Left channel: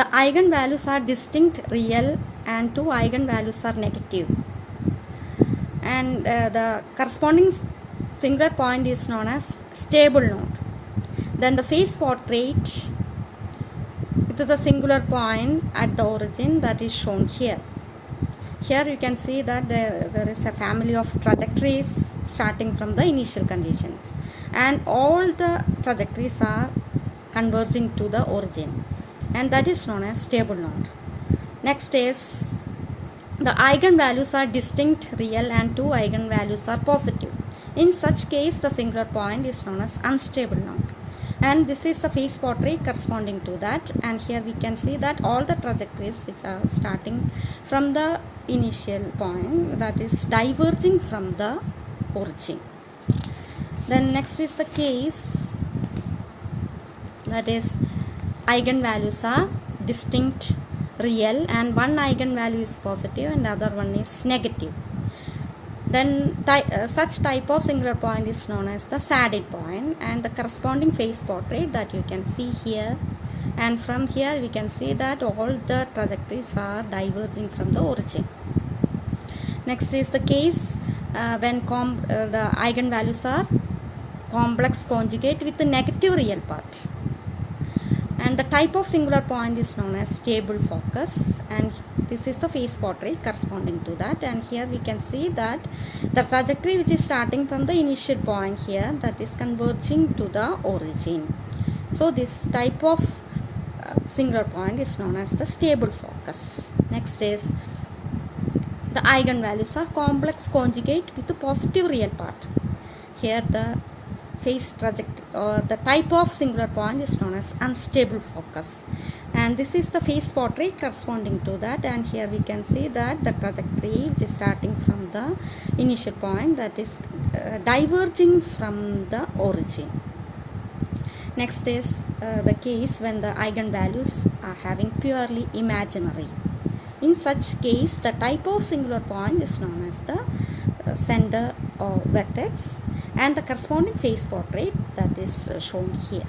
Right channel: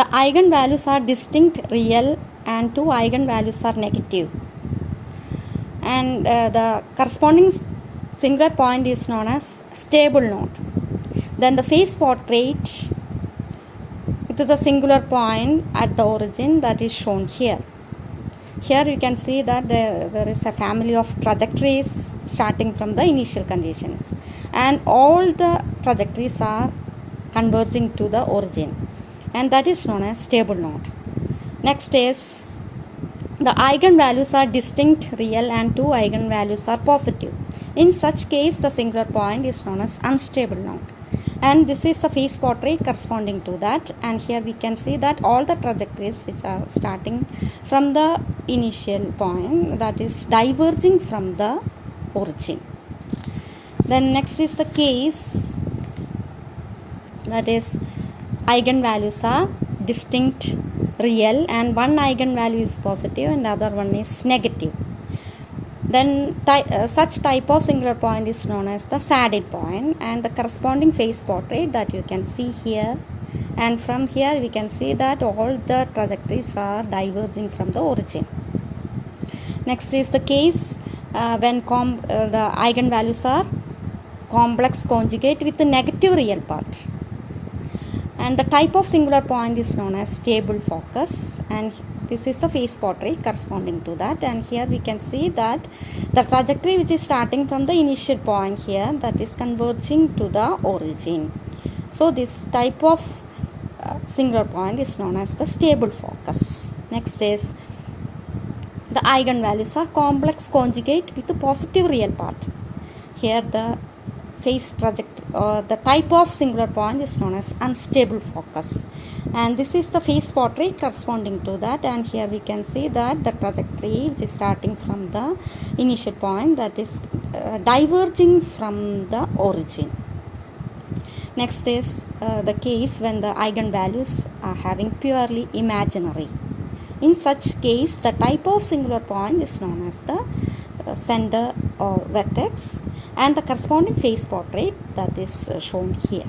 The eigenvalues are distinct real and two eigenvalues are negative. And the corresponding singular point is known as stable node. Then the phase portrait, it is a singular point at the origin that is shown here. Here you can see that there is a family of trajectories starting from the initial conditions, and all the trajectories are converging to the origin, and that is known as stable node. Next is the eigenvalues are distinct real and two eigenvalues are positive. In such case, the singular point is known as unstable node. And this is the phase portrait corresponding to that, and here we can see that all the trajectories which are starting from the initial point, that is diverging from the origin. Then next is the case, that is eigenvalues are distinct real and one eigenvalue is positive and the other one is negative. Then such type of singular point is known as the saddle point, and the corresponding phase portrait that you can see here, and from here we can see that all the trajectories are diverging from the origin. Next is the case when the eigenvalues are complex conjugate with the negative real part, and the type of singular point is known as stable focus, and this is the phase portrait corresponding to that. And here we can see that the trajectory which is starting from the initial point here, that is converging to the origin. So this type of singular point is known as the stable focus. Next is the eigenvalues are complex conjugate with the positive real part. Here the phase trajectory or the type of singular point is known as unstable focus, and this is the phase portrait corresponding to that. And here we can see that the trajectory which is starting from the initial point, that is diverging from the origin. Next is the case when the eigenvalues are having purely imaginary. In such case, the type of singular point is known as the center or vertex, and the corresponding phase portrait that is shown here.